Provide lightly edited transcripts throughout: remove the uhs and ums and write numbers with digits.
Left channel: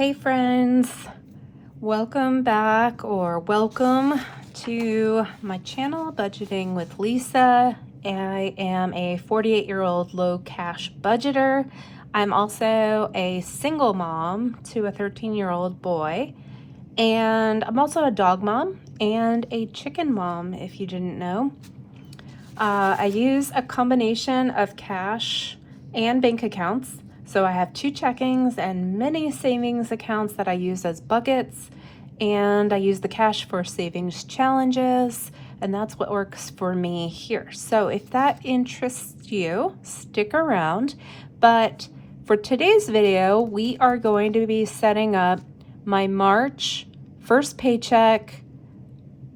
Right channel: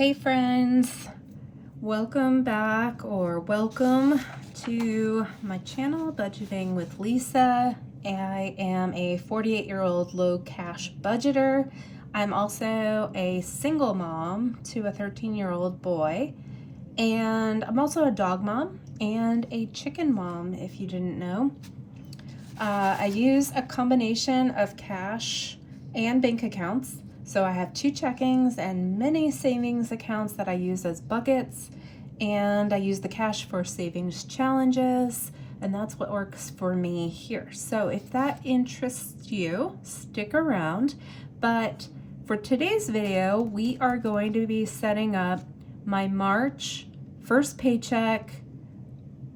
Hey friends, welcome back or welcome to my channel, Budgeting with Lisa. I am a 48-year-old low cash budgeter. I'm also a single mom to a 13-year-old boy, and I'm also a dog mom and a chicken mom, if you didn't know. I use a combination of cash and bank accounts. So I have 2 checkings and many savings accounts that I use as buckets, and I use the cash for savings challenges, and that's what works for me here. So if that interests you, stick around. But for today's video, we are going to be setting up my March first paycheck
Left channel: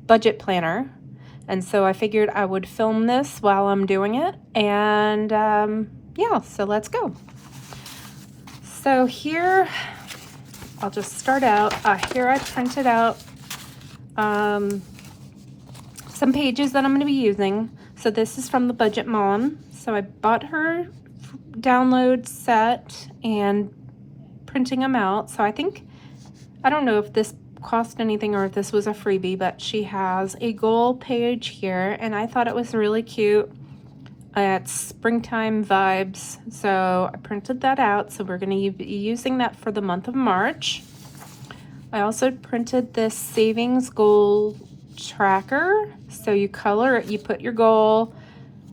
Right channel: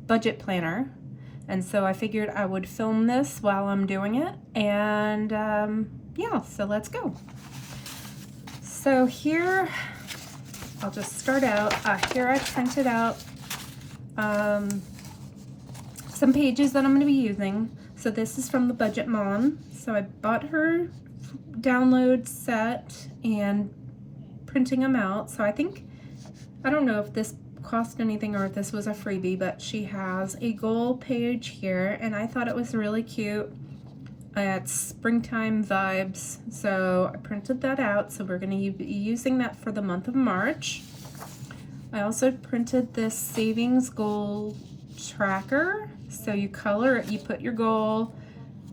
budget planner. And so I figured I would film this while I'm doing it, and yeah, so let's go. So here, I'll just start out. Here I printed out some pages that I'm going to be using. So this is from the Budget Mom. So I bought her download set and printing them out. So I don't know if this cost anything or if this was a freebie, but she has a goal page here, and I thought it was really cute. It's springtime vibes, so I printed that out. So we're going to be using that for the month of March. I also printed this savings goal tracker. So you color it, you put your goal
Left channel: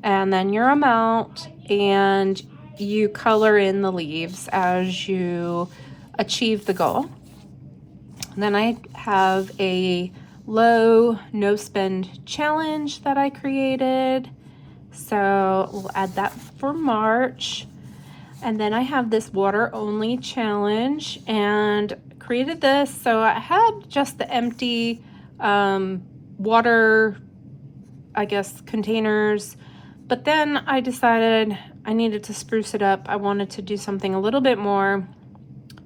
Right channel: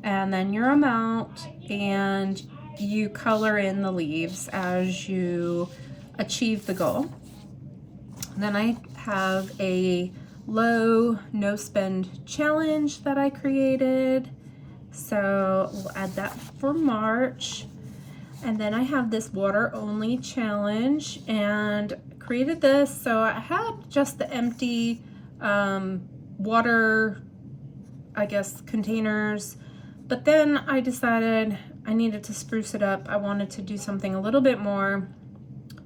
and then your amount, and you color in the leaves as you achieve the goal. And then I have a low no spend challenge that I created. So we'll add that for March. And then I have this water only challenge and created this. So I had just the empty water, I guess, containers. But then I decided I needed to spruce it up. I wanted to do something a little bit more,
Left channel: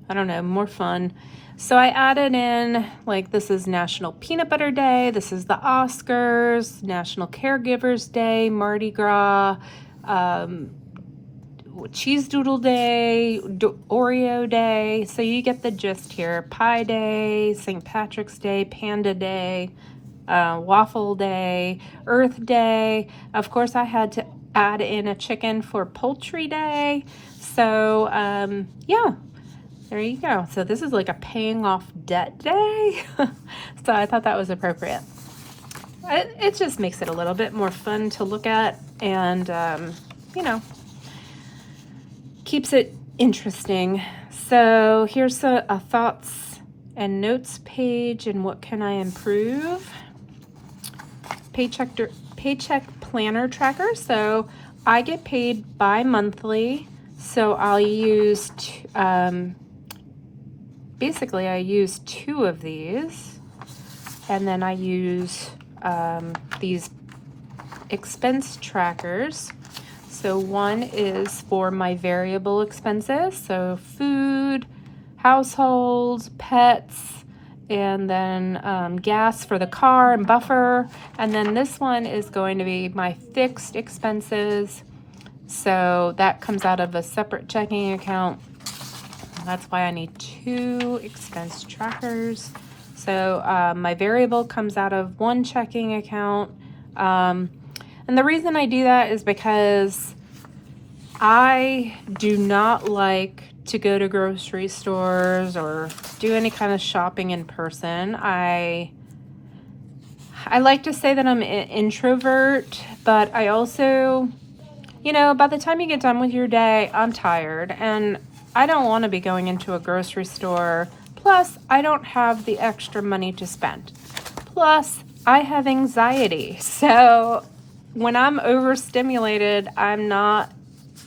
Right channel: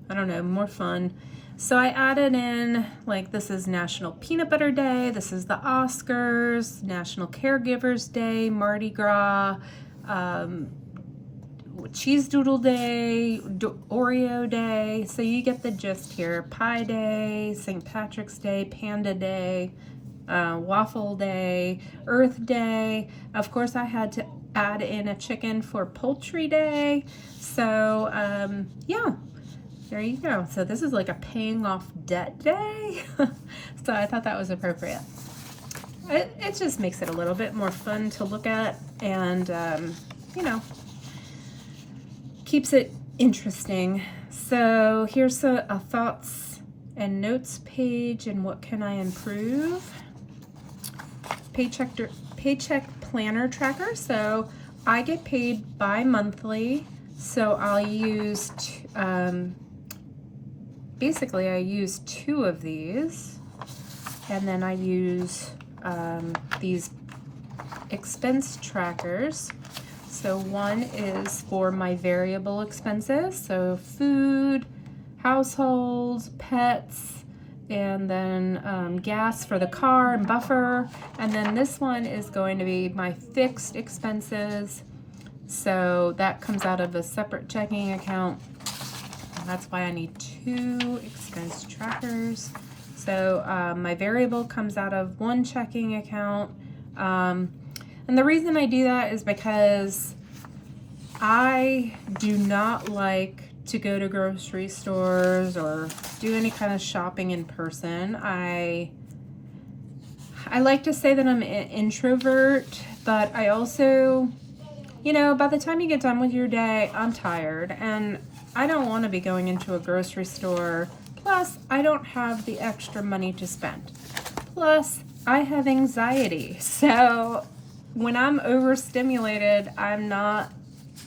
I don't know, more fun. So I added in, like, this is National Peanut Butter Day, this is the Oscars, National Caregivers Day, Mardi Gras, Cheese Doodle Day, Oreo Day. So you get the gist here. Pie Day, St. Patrick's Day, Panda Day, Waffle Day, Earth Day. Of course, I had to add in a chicken for Poultry Day. So yeah. There you go. So this is like a paying off debt day. So I thought that was appropriate. It just makes it a little bit more fun to look at, and, you know, keeps it interesting. So here's a thoughts and notes page, and what can I improve? Paycheck planner tracker. So I get paid bi-monthly. So I'll use basically I use 2 of these, and then I use these expense trackers. So one is for my variable expenses, so food, household, pets, and then gas for the car and buffer. And then this one is going to be my fixed expenses. So that comes out of a separate checking account. That's why I need 2 expense trackers. So my variable comes out of one checking account. And the reason I do that is because I do not like to go to grocery stores or do any kind of shopping in person. I like to say that I'm an introvert, but I also, you know, by the time you get done with your day, I'm tired, and I don't want to be going into a grocery store. Plus, I don't have the extra money to spend. Plus, I have anxiety. So when I'm overstimulated, I'm not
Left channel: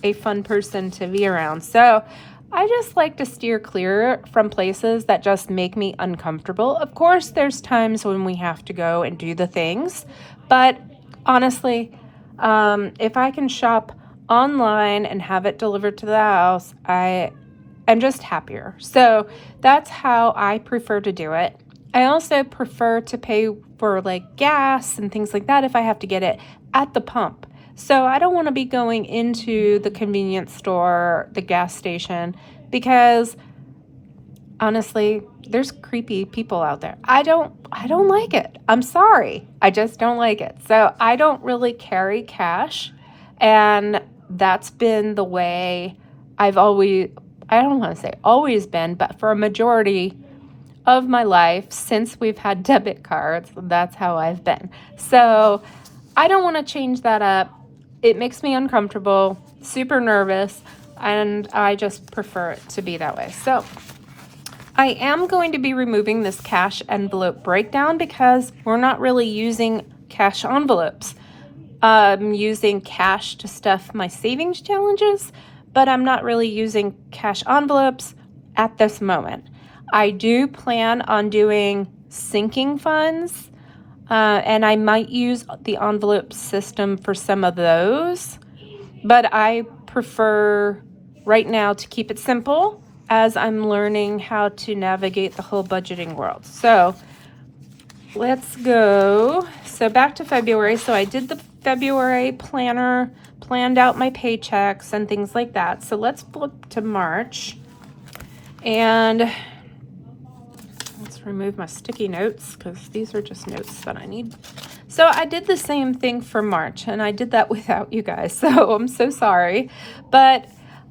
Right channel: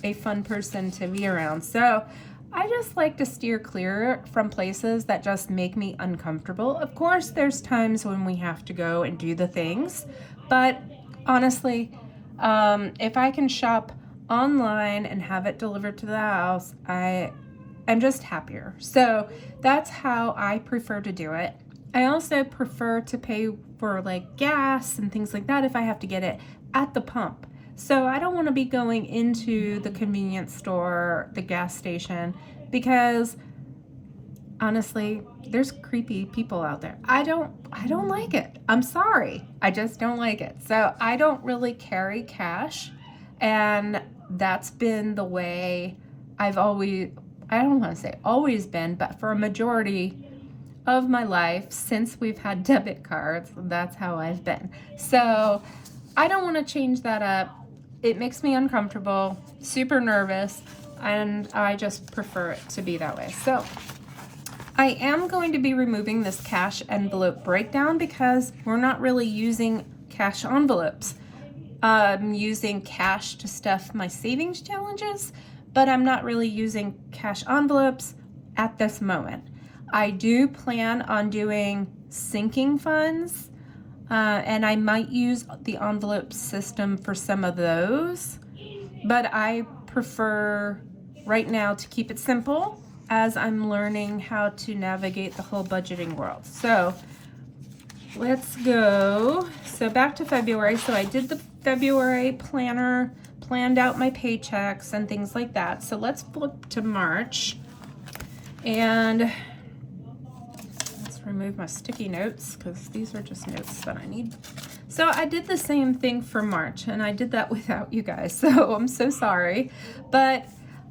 a fun person to be around. So I just like to steer clear from places that just make me uncomfortable. Of course, there's times when we have to go and do the things, but honestly, if I can shop online and have it delivered to the house, I'm just happier. So that's how I prefer to do it. I also prefer to pay for like gas and things like that if I have to get it at the pump. So I don't want to be going into the convenience store, the gas station, because honestly, there's creepy people out there. I don't like it. I'm sorry. I just don't like it. So I don't really carry cash. And that's been the way I don't want to say always been, but for a majority of my life since we've had debit cards, that's how I've been. So I don't want to change that up. It makes me uncomfortable, super nervous, and I just prefer it to be that way. So I am going to be removing this cash envelope breakdown because we're not really using cash envelopes. I'm using cash to stuff my savings challenges, but I'm not really using cash envelopes at this moment. I do plan on doing sinking funds, and I might use the envelope system for some of those, but I prefer right now to keep it simple as I'm learning how to navigate the whole budgeting world. So let's go. So back to February. So I did the February planner, planned out my paychecks and things like that. So let's flip to March, and let's remove my sticky notes because these are just notes that I need. So I did the same thing for March, and I did that without you guys, so I'm so sorry. But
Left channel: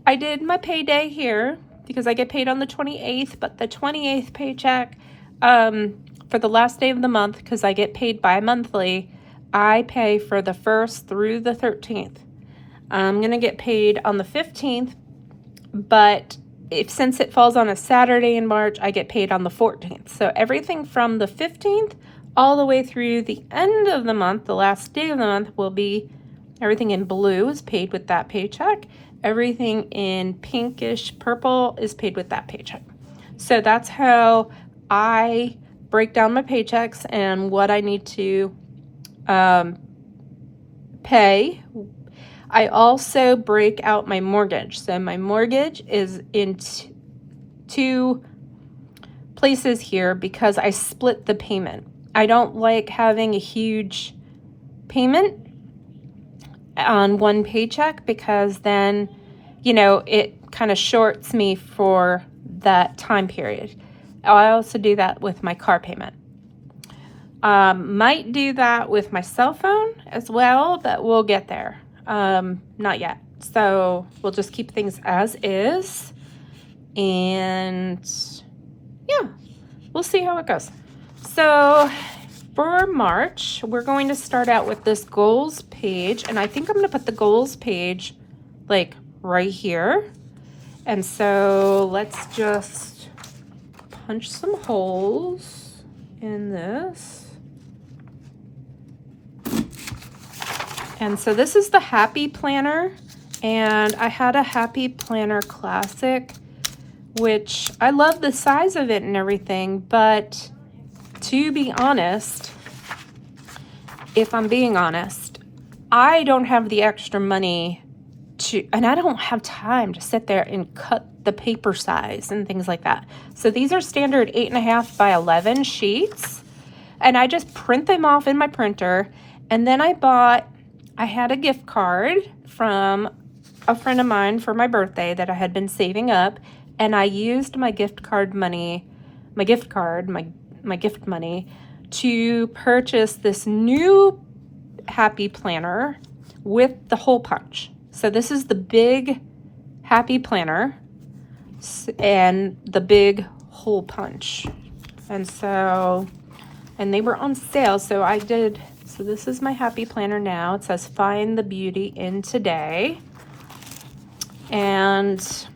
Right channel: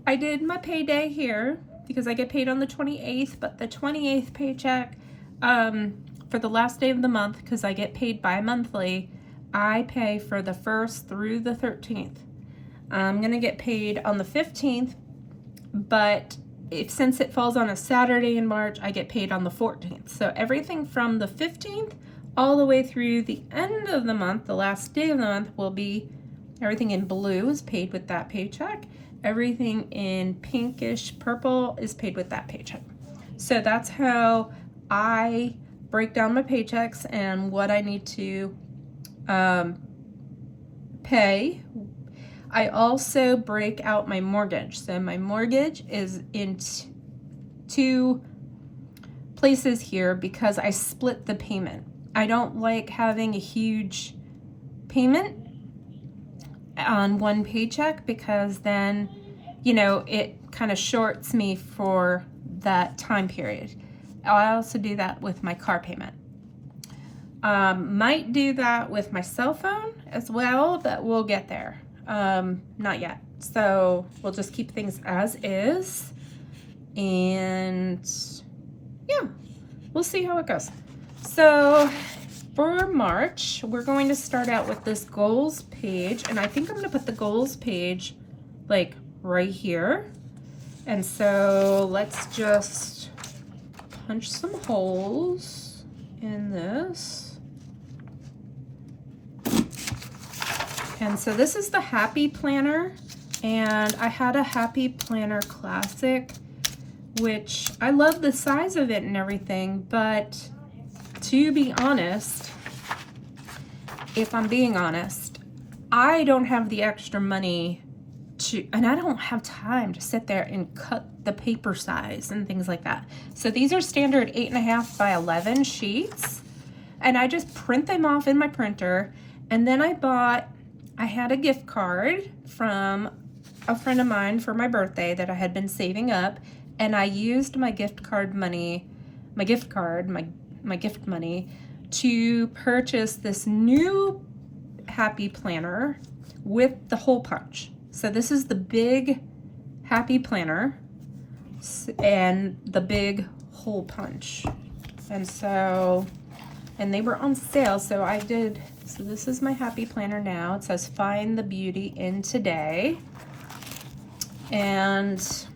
I did my payday here because I get paid on the 28th, but the 28th paycheck for the last day of the month, because I get paid bi-monthly, I pay for the 1st through the 13th. I'm going to get paid on the 15th, but since it falls on a Saturday in March, I get paid on the 14th. So everything from the 15th all the way through the end of the month, the last day of the month, will be everything in blue is paid with that paycheck. Everything in pinkish purple is paid with that paycheck. So that's how I break down my paychecks and what I need to pay. I also break out my mortgage. So my mortgage is in two places here because I split the payment. I don't like having a huge payment on one paycheck because then, it kind of shorts me for that time period. I also do that with my car payment. Might do that with my cell phone as well, but we'll get there. Not yet. So we'll just keep things as is. And yeah, we'll see how it goes. So for March, we're going to start out with this goals page. And I think I'm going to put the goals page like right here. And so let's just punch some holes in this. And so this is the Happy Planner, and I had a Happy Planner Classic, which I love the size of it and everything, but to be honest, if I'm being honest, I don't have the extra money and I don't have time to sit there and cut the paper size and things like that. So these are standard 8.5 by 11 sheets, and I just print them off in my printer, and then I had a gift card from a friend of mine for my birthday that I had been saving up, and I used my gift money to purchase this new Happy Planner with the hole punch. So this is the big Happy Planner and the big hole punch. And they were on sale, so I did. So this is my Happy Planner now. It says find the beauty in today. And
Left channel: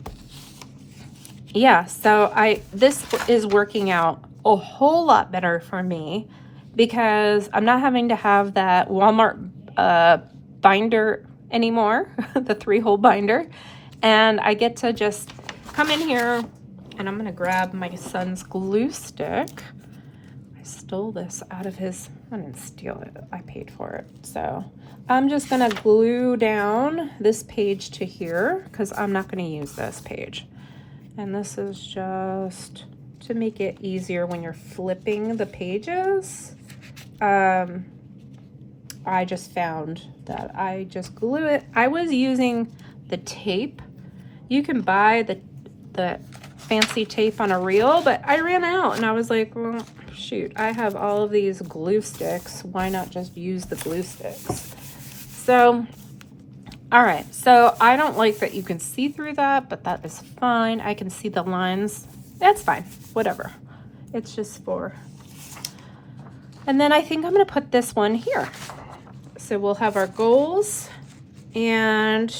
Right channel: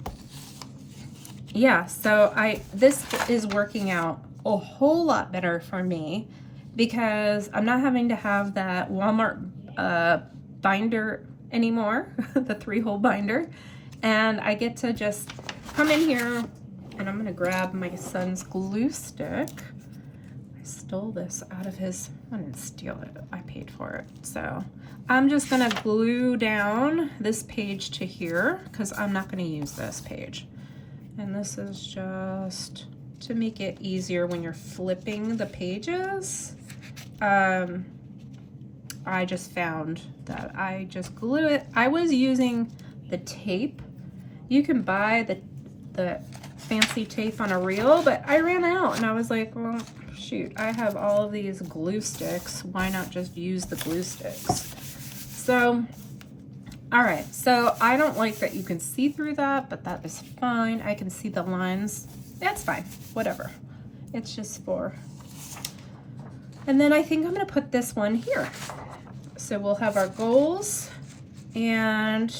yeah, so this is working out a whole lot better for me because I'm not having to have that Walmart binder anymore, the 3-hole binder. And I get to just come in here, and I'm gonna grab my son's glue stick. I stole this out of his, I didn't steal it, I paid for it. So I'm just gonna glue down this page to here because I'm not gonna use this page. And this is just to make it easier when you're flipping the pages. I just found that I just glue it. I was using the tape. You can buy the fancy tape on a reel, but I ran out and I was like, well, shoot, I have all of these glue sticks. Why not just use the glue sticks? So, all right, so I don't like that you can see through that, but that is fine. I can see the lines. That's fine, whatever. It's just for, and then I think I'm gonna put this one here. So we'll have our goals and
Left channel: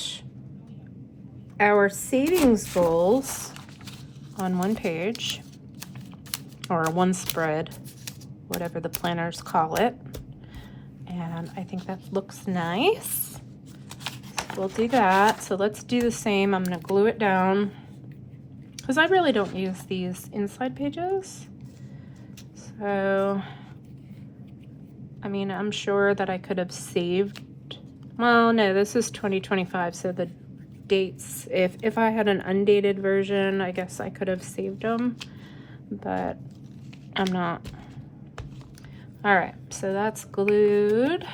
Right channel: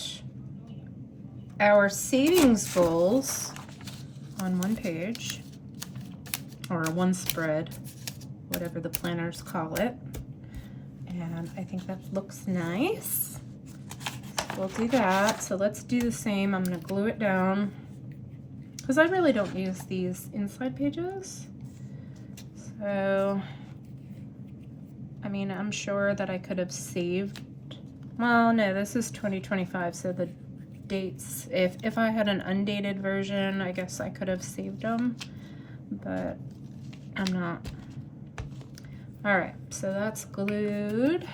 our savings goals on one page, or one spread, whatever the planners call it. And I think that looks nice. So we'll do that. So let's do the same. I'm gonna glue it down because I really don't use these inside pages. So, I mean, I'm sure that I could have saved, well, no, this is 2025, so the dates, if I had an undated version, I guess I could have saved them, but I'm not. All right, so that's glued.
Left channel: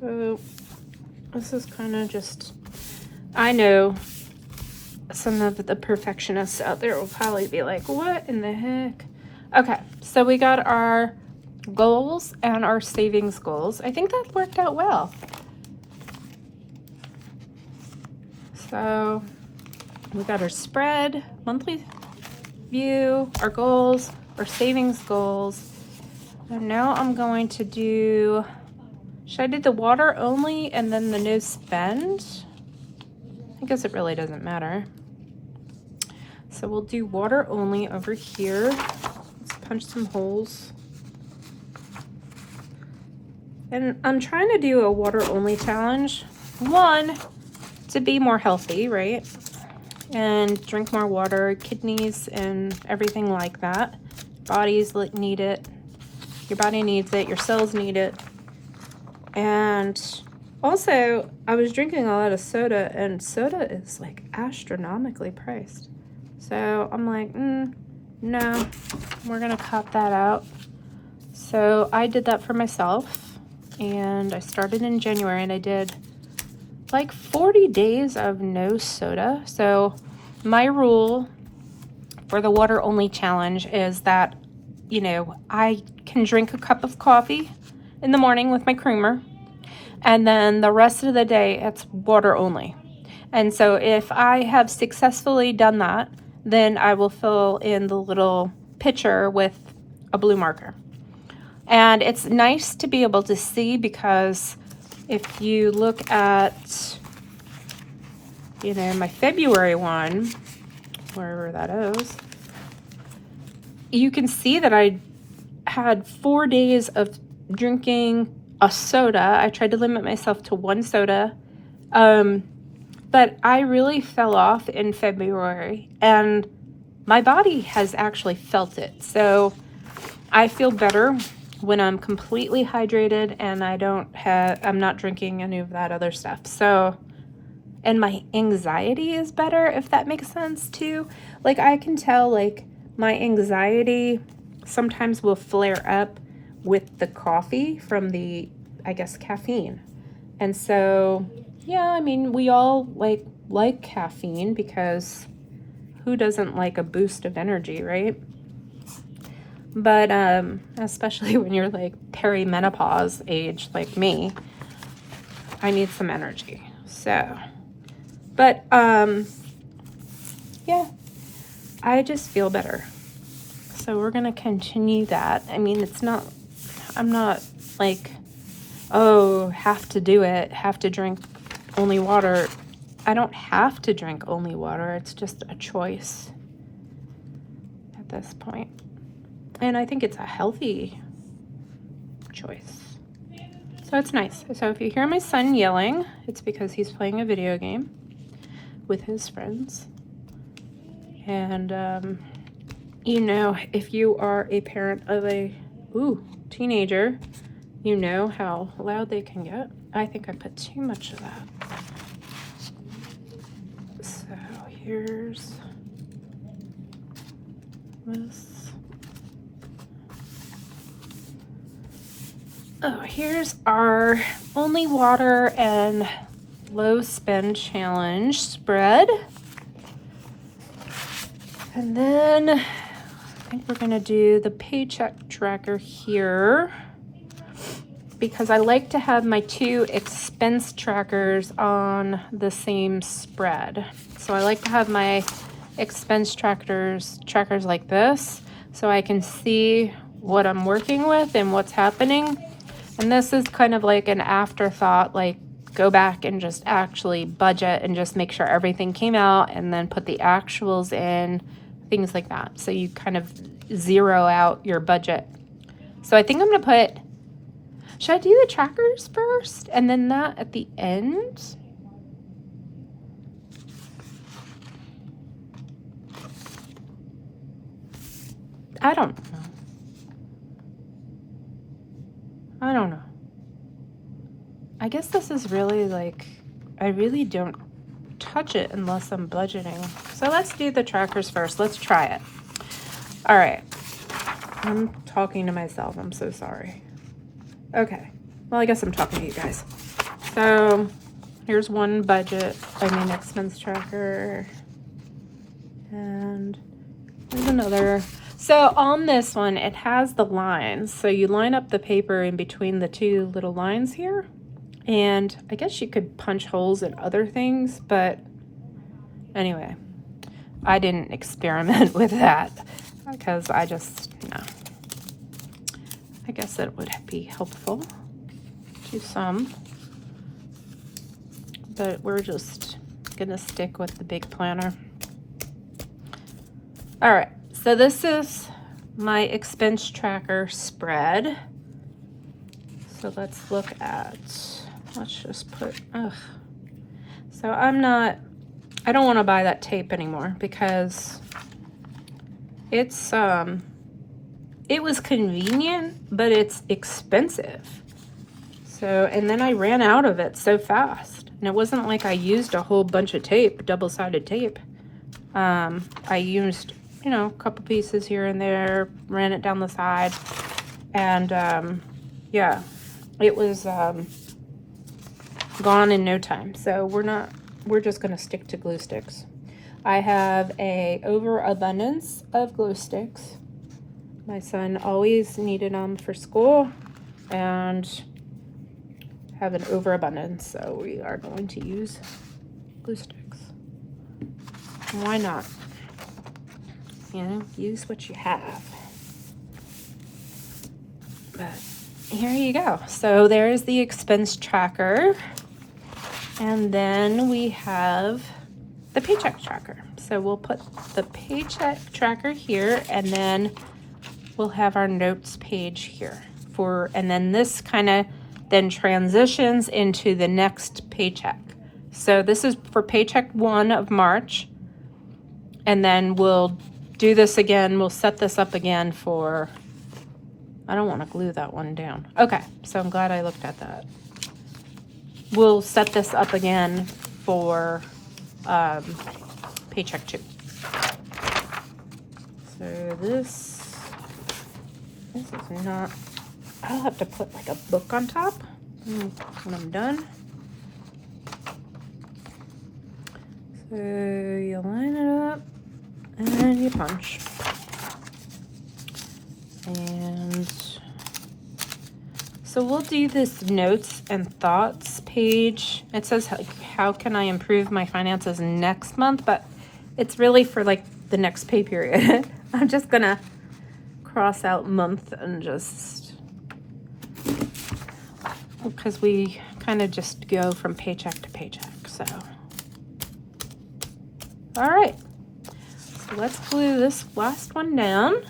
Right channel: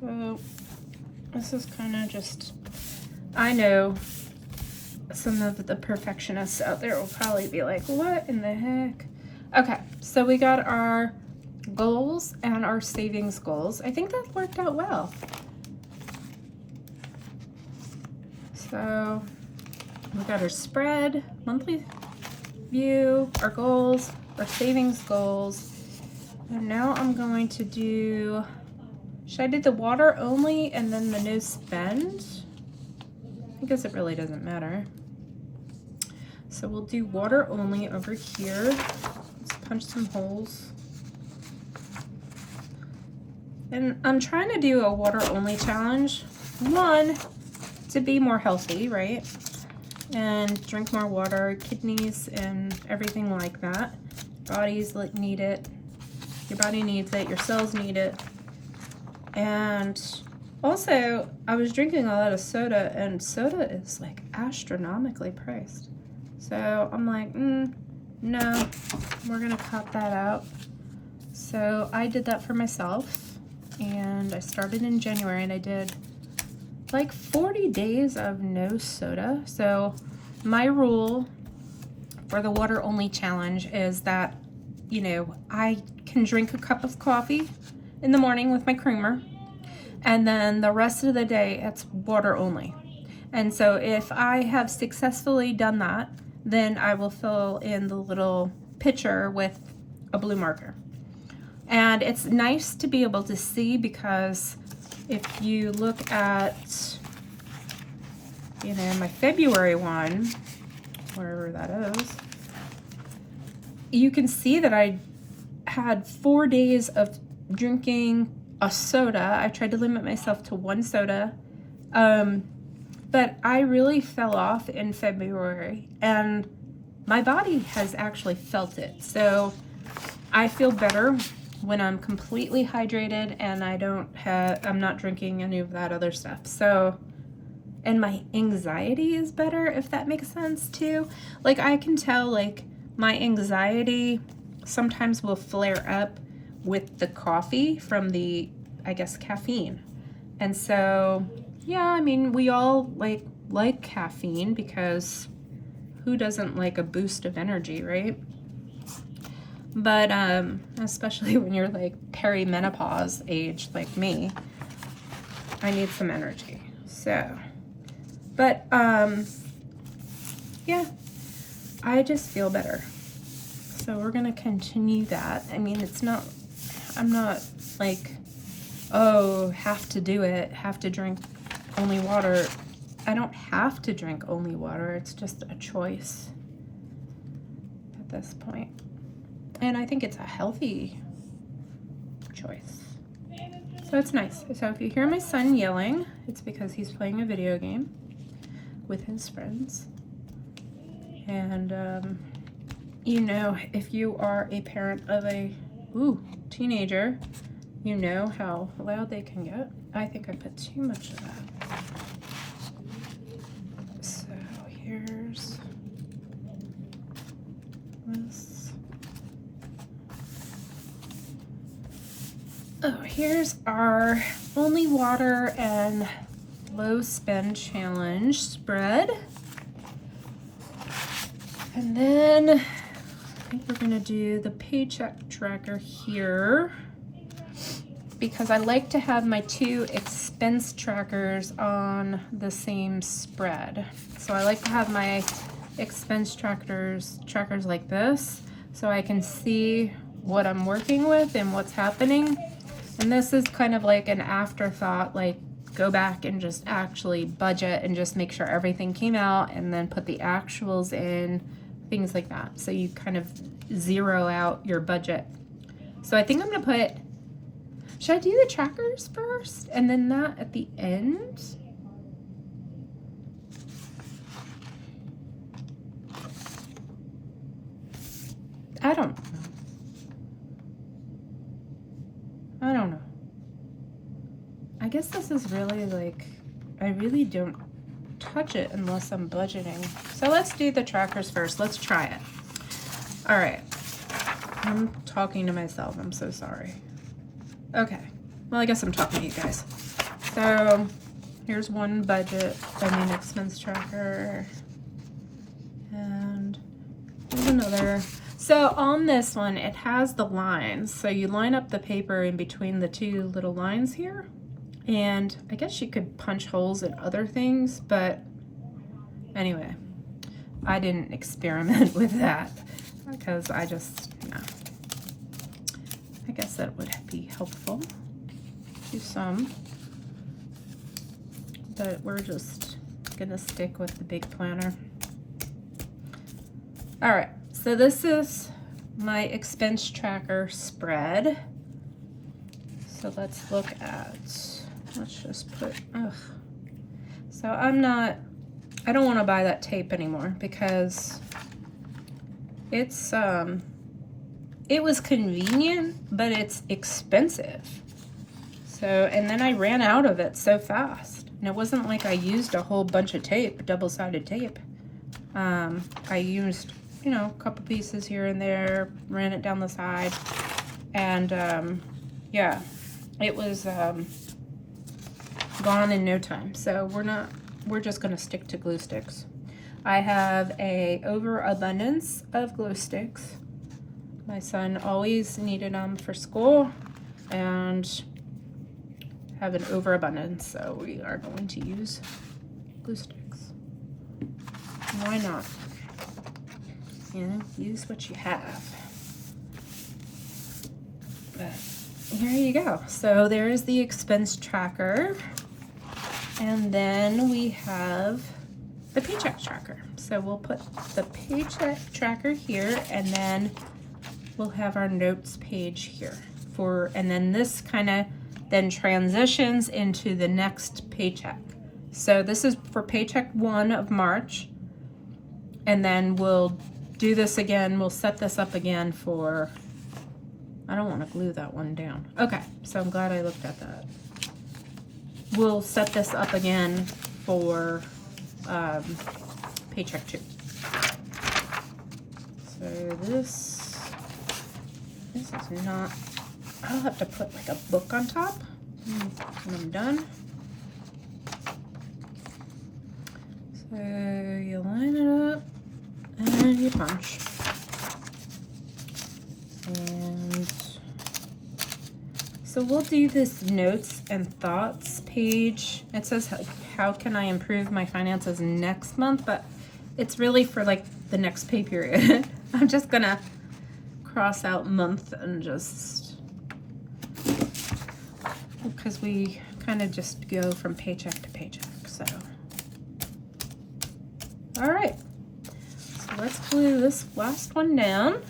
So this is kind of just, I know some of the perfectionists out there will probably be like, what in the heck? Okay, so we got our goals and our savings goals. I think that worked out well. So we got our spread, monthly view, our goals, our savings goals. And now I'm going to do, should I do the water only and then the no spend? I guess it really doesn't matter. So we'll do water only over here. Let's punch some holes. And I'm trying to do a water only challenge. One, to be more healthy, right? And drink more water, kidneys and everything like that. Bodies need it. Your body needs it, your cells need it. And also, I was drinking a lot of soda, and soda is like astronomically priced. So I'm like, no, we're gonna cut that out. So I did that for myself, and I started in January, and I did like 40 days of no soda. So my rule for the water only challenge is that, you know, I can drink a cup of coffee in the morning with my creamer, and then the rest of the day it's water only. And so if I have successfully done that, then I will fill in the little pitcher with a blue marker. And it's nice to be able to see, because if you look at, you know, my February one, wherever that is, you can see that I had 4 days of drinking a soda. I tried to limit myself to one soda. But I really fell off in February, and my body has actually felt it. So I feel better when I'm completely hydrated and I'm not drinking any of that other stuff. So, and my anxiety is better, if that makes sense too. Like, I can tell, like, my anxiety sometimes will flare up with the coffee from the, I guess, caffeine. And so, yeah, I mean, we all like caffeine, because who doesn't like a boost of energy, right? But especially when you're like perimenopause age like me, I need some energy. So, but yeah, I just feel better. So we're gonna continue that. I mean, I'm not like, oh, have to do it, have to drink only water. I don't have to drink only water. It's just a choice at this point. And I think it's a healthy choice. So it's nice. So if you hear my son yelling, it's because he's playing a video game with his friends. And, you know, if you are a parent of a teenager, you know how loud they can get. I think I put too much of that. So here's this. Oh, here's our only water and low spend challenge spread. And then I think we're gonna do the paycheck tracker here because I like to have my 2 expense trackers on the same spread. So I like to have my expense trackers like this so I can see what I'm working with and what's happening. And this is kind of like an afterthought, like go back and just actually budget and just make sure everything came out and then put the actuals in, things like that. So you kind of zero out your budget. So I think I'm gonna put, should I do the trackers first and then that at the end? I don't know. I guess this is really like, I really don't touch it unless I'm budgeting. So let's do the trackers first. Let's try it. All right. I'm talking to myself. I'm so sorry. Okay. Well, I guess I'm talking to you guys. So here's one expense tracker. And there's another. So on this one, it has the lines. So you line up the paper in between the 2 little lines here. And I guess you could punch holes in other things, but anyway, I didn't experiment with that because I guess that would be helpful to some, but we're just gonna stick with the big planner. All right, so this is my expense tracker spread. So let's look at, let's just put, so I don't want to buy that tape anymore because it's, it was convenient, but it's expensive. So, and then I ran out of it so fast. And it wasn't like I used a whole bunch of tape, double-sided tape. I used, a couple pieces here and there, ran it down the side, and yeah, it was gone in no time. So we're just gonna stick to glue sticks. I have a overabundance of glue sticks. My son always needed them for school and have an overabundance, so we are going to use glue sticks. Why not? Use what you have. But here you go. So there's the expense tracker. And then we have the paycheck tracker. So we'll put the paycheck tracker here, and then we'll have our notes page here and then this kind of then transitions into the next paycheck. So this is for paycheck 1 of March, and then we'll do this again. We'll set this up again for, I don't want to glue that one down. Okay, so I'm glad I looked at that. We'll set this up again for paycheck 2. So this is not, I'll have to put like a book on top when I'm done. So you line it up and you punch. And so we'll do this notes and thoughts page. It says, how can I improve my finances next month? But it's really for like the next pay period. I'm just gonna cross out month and just, because we kind of just go from paycheck to paycheck, so. All right, so let's glue this last one down.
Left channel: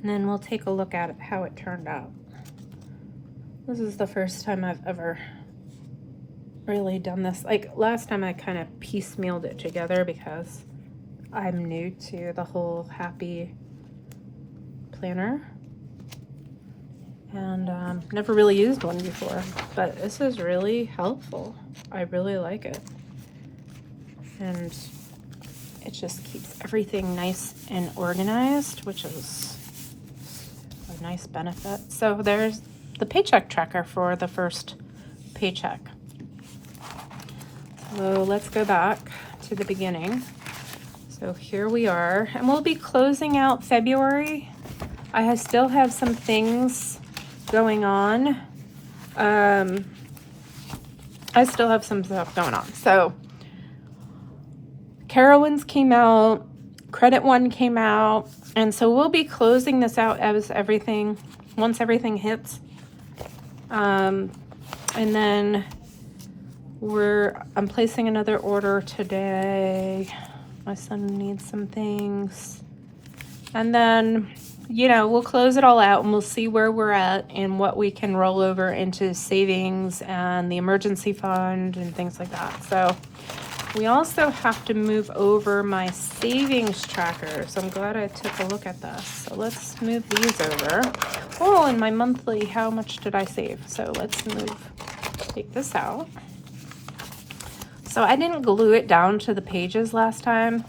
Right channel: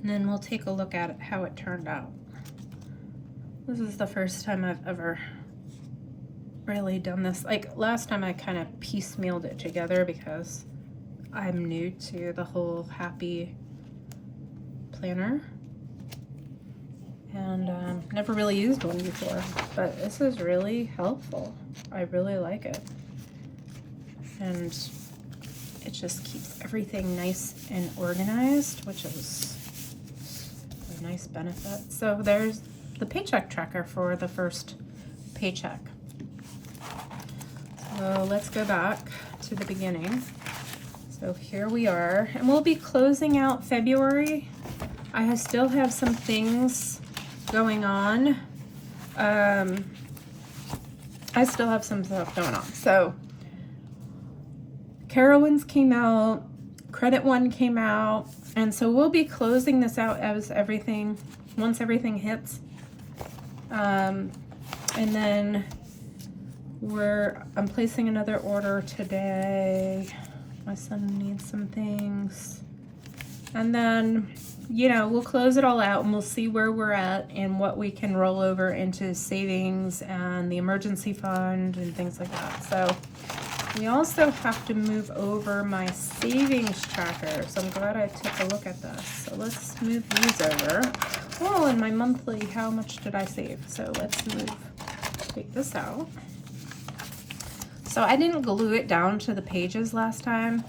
And then we'll take a look at it, how it turned out. This is the first time I've ever really done this. Like last time I kind of piecemealed it together because I'm new to the whole happy planner. And never really used one before, but this is really helpful. I really like it. And it just keeps everything nice and organized, which is a nice benefit. So there's the paycheck tracker for the first Paycheck. So let's go back to the beginning. So here we are, and we'll be closing out February. I still have some things going on. I still have some stuff going on. So Carowinds came out, Credit One came out, and so we'll be closing this out as once everything hits. And then I'm placing another order today. My son needs some things. And then, we'll close it all out and we'll see where we're at and what we can roll over into savings and the emergency fund and things like that. So we also have to move over my savings tracker. So I'm glad I took a look at this. So let's move these over. Oh, and my monthly, how much did I save? So let's take this out. So I didn't glue it down to the pages last time.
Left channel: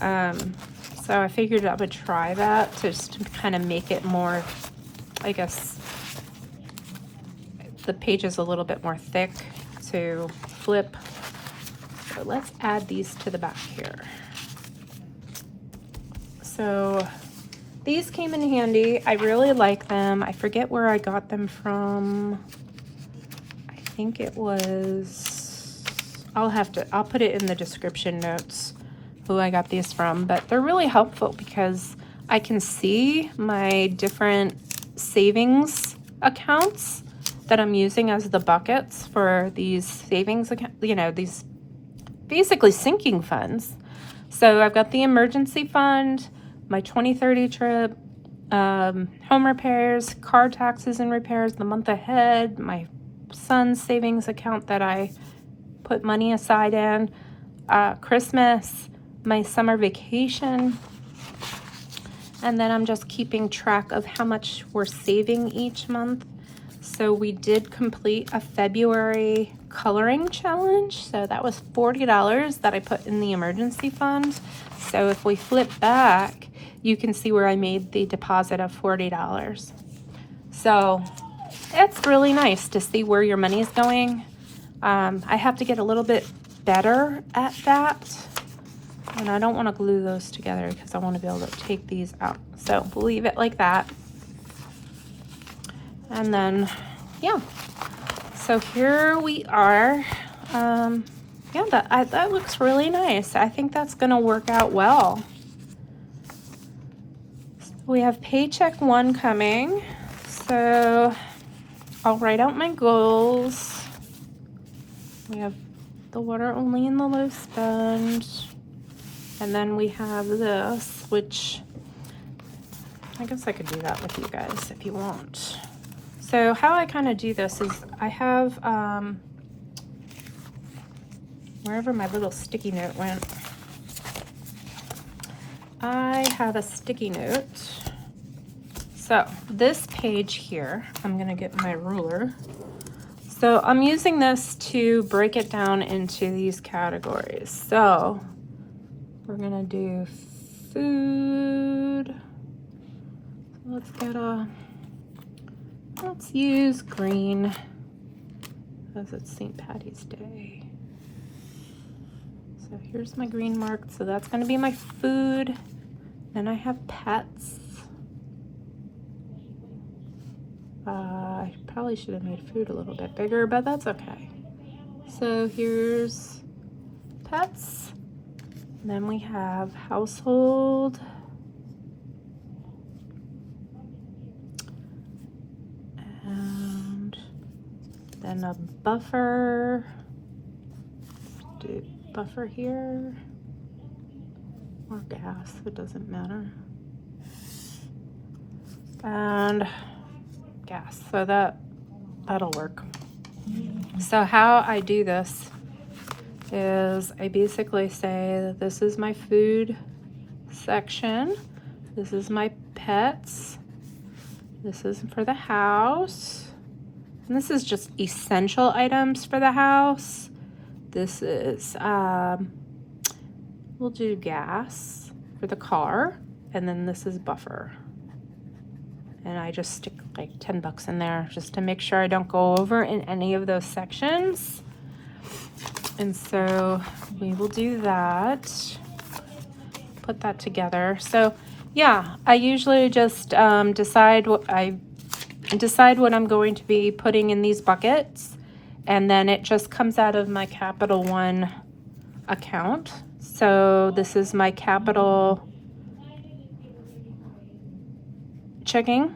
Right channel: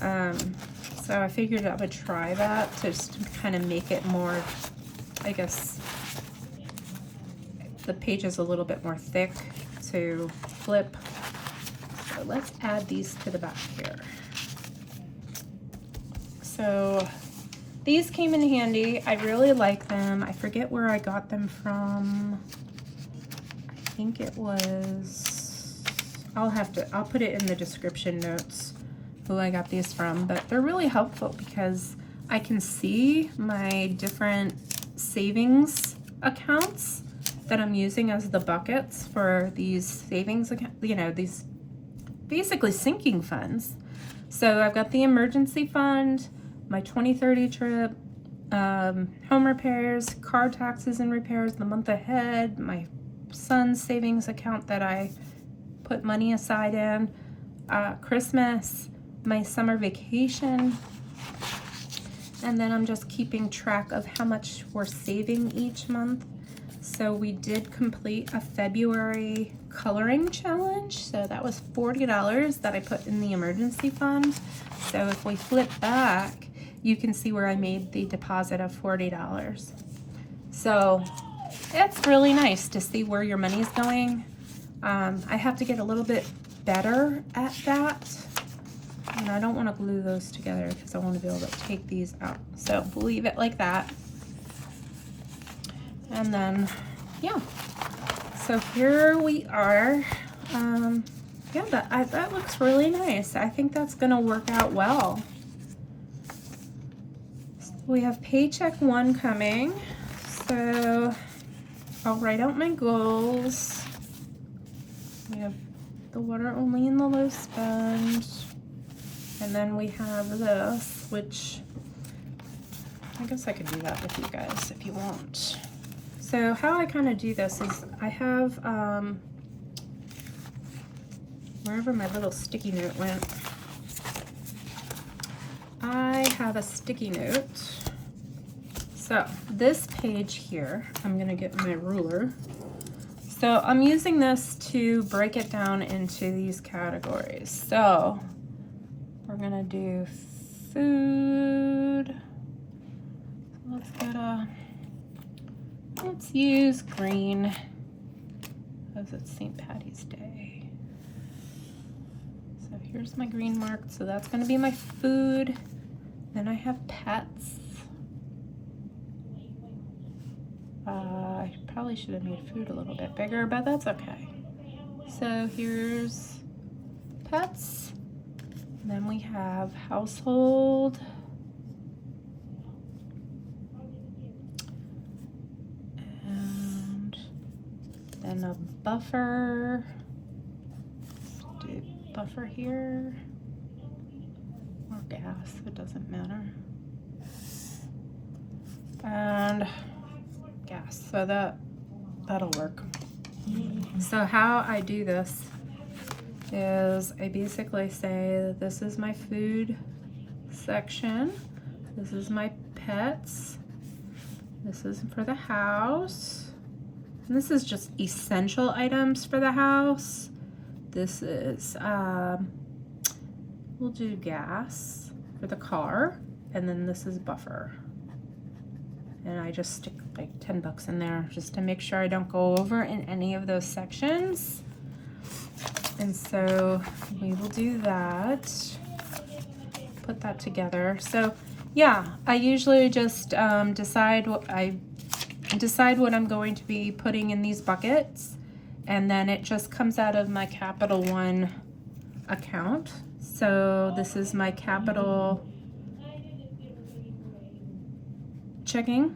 So I figured I would try that just to kind of make it more, I guess, the pages a little bit more thick to flip. So let's add these to the back here. So these came in handy. I really like them. I forget where I got them from. I think it was, I'll put it in the description notes who I got these from, but they're really helpful because I can see my different savings accounts that I'm using as the buckets for these savings accounts, these basically sinking funds. So I've got the emergency fund, my 2030 trip, home repairs, car taxes and repairs, the month ahead, my son's savings account that I put money aside in, Christmas, my summer vacation, and then I'm just keeping track of how much we're saving each month. So we did complete a February coloring challenge. So that was $40 that I put in the emergency fund. So if we flip back, you can see where I made the deposit of $40. So it's really nice to see where your money's going. I have to get a little bit better at that. And I don't want to glue those together because I want to be able to take these out. So we'll leave it like that. And then, yeah. So here we are. Yeah, that looks really nice. I think that's going to work out well. So we have Paycheck 1 coming. So I'll write out my goals. We have the water only and the low spend. And then we have this, which I guess I could do that with you guys if you want. So how I kind of do this is I have, wherever my little sticky note went, I have a sticky note. So this page here, I'm going to get my ruler. So I'm using this to break it down into these categories. So we're gonna do food. Let's use green because it's St. Patty's Day. So here's my green mark. So that's gonna be my food. Then I have pets. I probably should have made food a little bit bigger, but that's okay. So here's pets. And then we have household. And then a buffer. Do buffer here. Or gas, it doesn't matter. And gas, so that'll work. So how I do this is I basically say that this is my food section, this is my pets, this is for the house, and this is just essential items for the house. This is we'll do gas for the car, and then this is buffer. and I just stick like 10 bucks in there just to make sure I don't go over in any of those sections. And so we will do that, put that together. So yeah, I usually just decide what I'm going to be putting in these buckets, and then it just comes out of my Capital One account. So this is my Capital checking.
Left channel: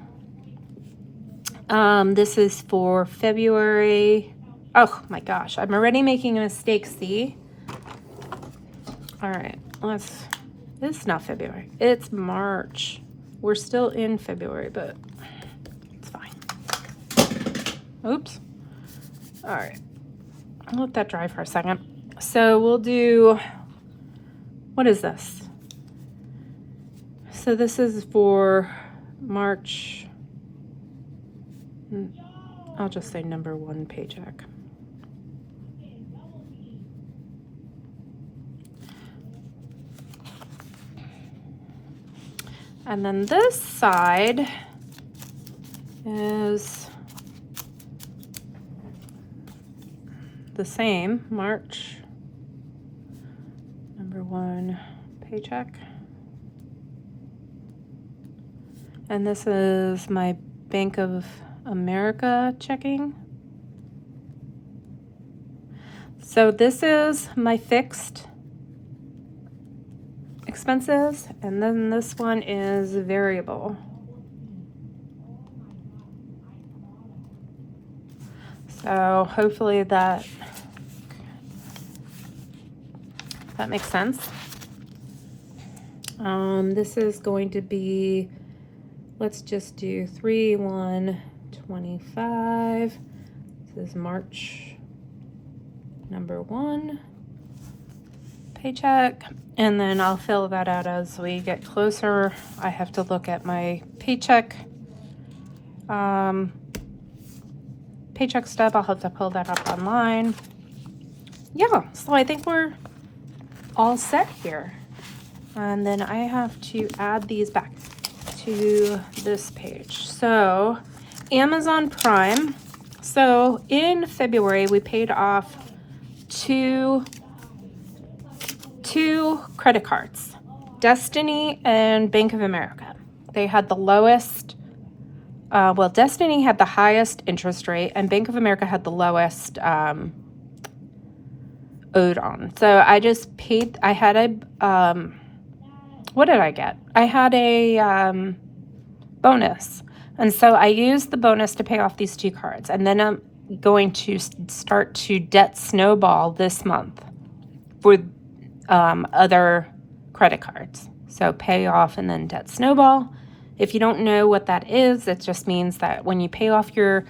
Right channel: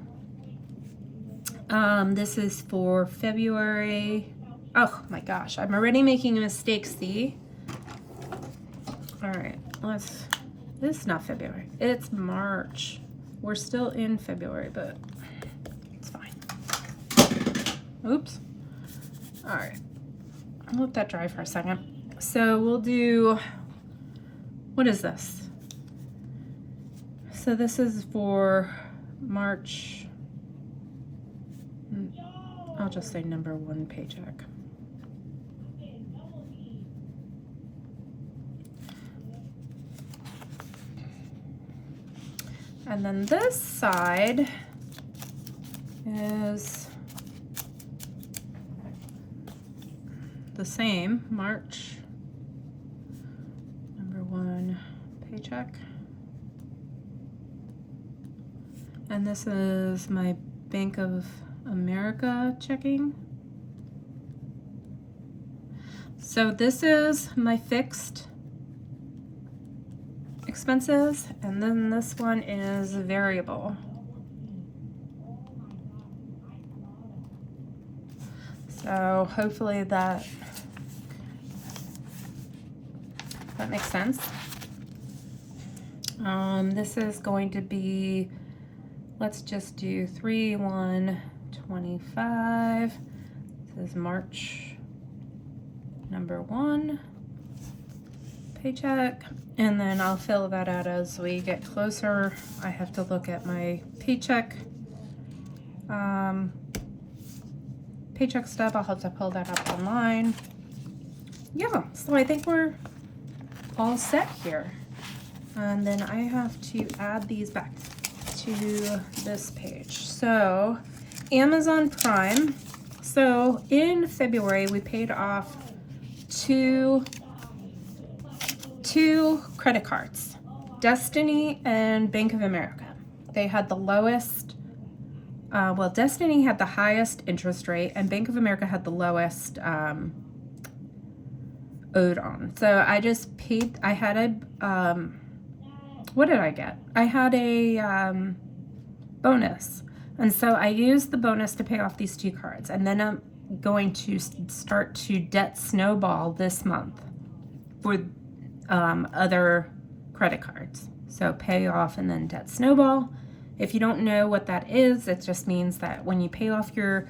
This is for February. Oh my gosh, I'm already making a mistake, see? All right, this is not February, it's March. We're still in February, but it's fine. Oops. All right, I'll let that dry for a second. So we'll do, what is this? So this is for March, I'll just say number 1 paycheck. And then this side is the same, March, number 1 paycheck. And this is my Bank of America checking. So this is my fixed expenses, and then this one is variable. So hopefully that makes sense. This is going to be, let's just do 3/1/25. This is March number 1 paycheck, and then I'll fill that out as we get closer. I have to look at my paycheck stub. I'll have to pull that up online. Yeah, so I think we're all set here. And then I have to add these back to this page. So Amazon Prime. So in February, we paid off two credit cards, Destiny and Bank of America. They had the lowest, well, Destiny had the highest interest rate and Bank of America had the lowest owed on. So I just paid, I had a, what did I get? I had a bonus. And so I used the bonus to pay off these 2 cards. And then I'm going to start to debt snowball this month with other credit cards. So pay off and then debt snowball. If you don't know what that is, it just means that when you pay off your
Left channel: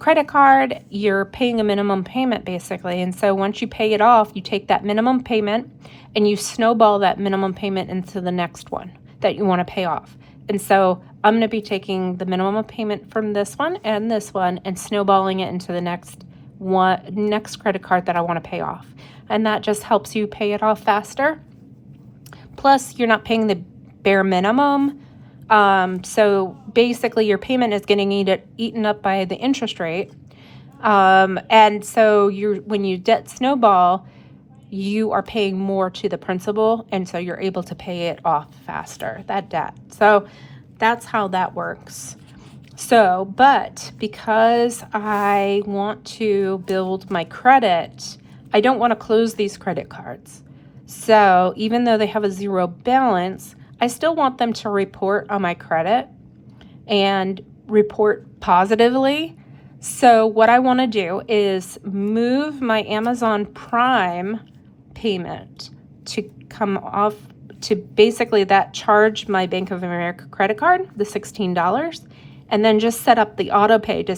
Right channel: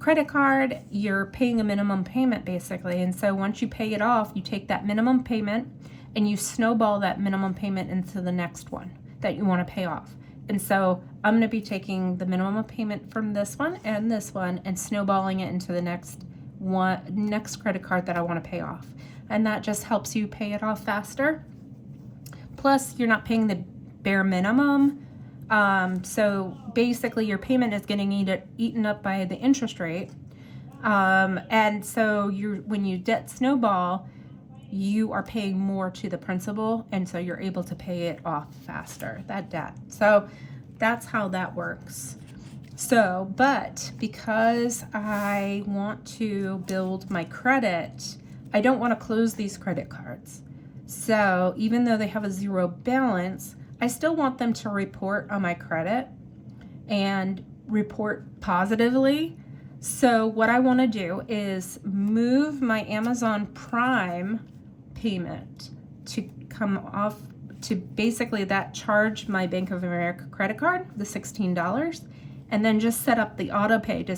credit card, you're paying a minimum payment basically. And so once you pay it off, you take that minimum payment and you snowball that minimum payment into the next one that you want to pay off. And so I'm going to be taking the minimum payment from this one and snowballing it into the next credit card that I want to pay off. And that just helps you pay it off faster. Plus, you're not paying the bare minimum. So basically, your payment is getting eaten up by the interest rate. And so when you debt snowball, you are paying more to the principal, and so you're able to pay it off faster, that debt. So that's how that works. So, but because I want to build my credit, I don't want to close these credit cards. So even though they have a 0 balance, I still want them to report on my credit and report positively. So what I want to do is move my Amazon Prime payment to come off to basically that charge my Bank of America credit card, the $16, and then just set up the auto pay to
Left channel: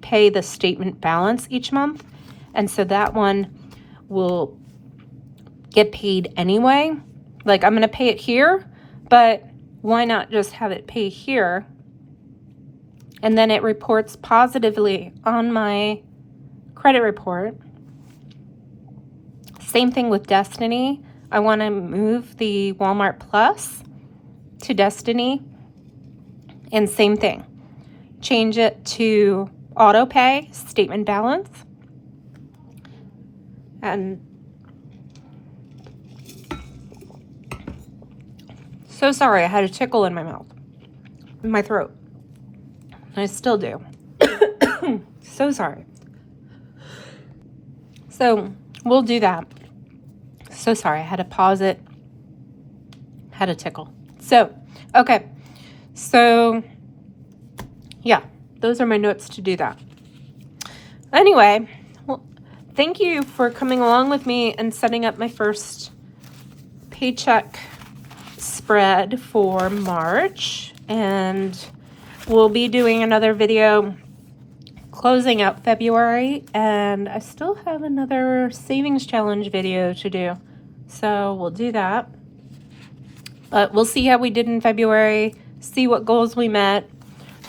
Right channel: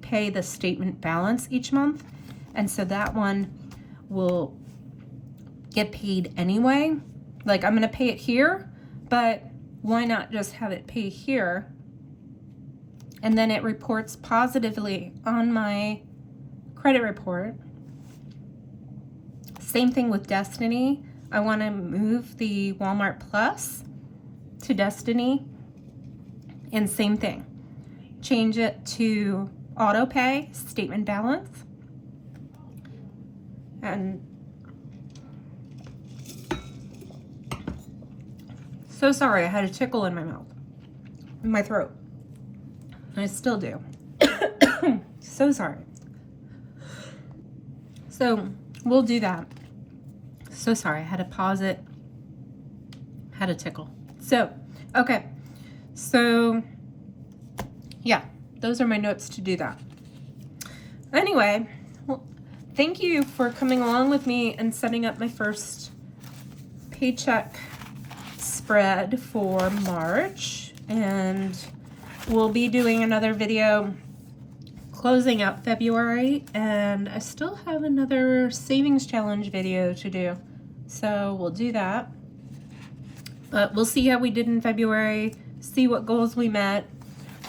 pay the statement balance each month. And so that one will get paid anyway. Like I'm going to pay it here, but why not just have it pay here? And then it reports positively on my credit report. Same thing with Destiny. I want to move the Walmart Plus to Destiny, and same thing. change it to auto pay, statement balance. And so sorry, I had a tickle in my mouth, in my throat. I still do. So sorry. So we'll do that. So sorry, I had to pause it. Had a tickle. So, okay. So, yeah, those are my notes to do that. Anyway, well, thank you for coming along with me and setting up my first paycheck spread for March. And we'll be doing another video closing out February, and I still have another savings challenge video to do. So we'll do that. But we'll see how we did in February, see what goals we met,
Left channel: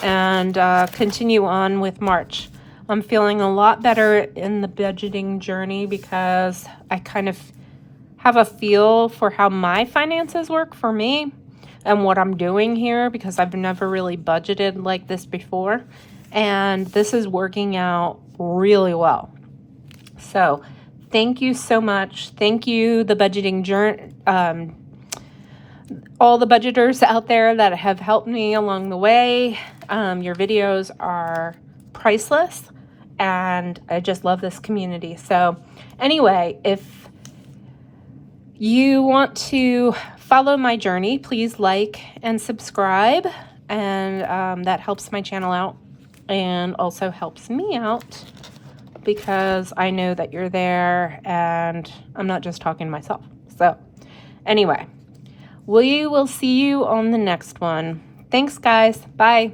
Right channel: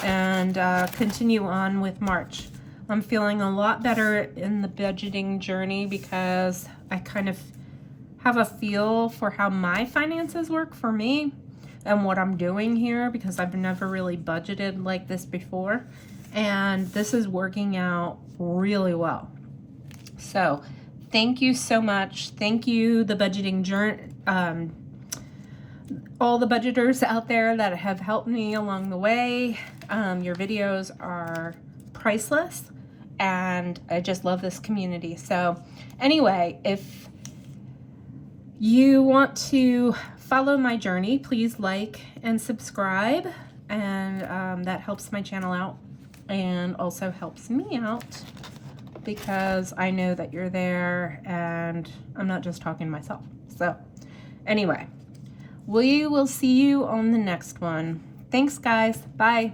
and continue on with March. I'm feeling a lot better in the budgeting journey because I kind of have a feel for how my finances work for me and what I'm doing here, because I've never really budgeted like this before. And this is working out really well. So thank you so much. Thank you, the budgeting journey, all the budgeters out there that have helped me along the way. Your videos are priceless, and I just love this community. So anyway, if you want to follow my journey, please like and subscribe, and that helps my channel out and also helps me out because I know that you're there and I'm not just talking to myself. So anyway, we will see you on the next one. Thanks, guys. Bye.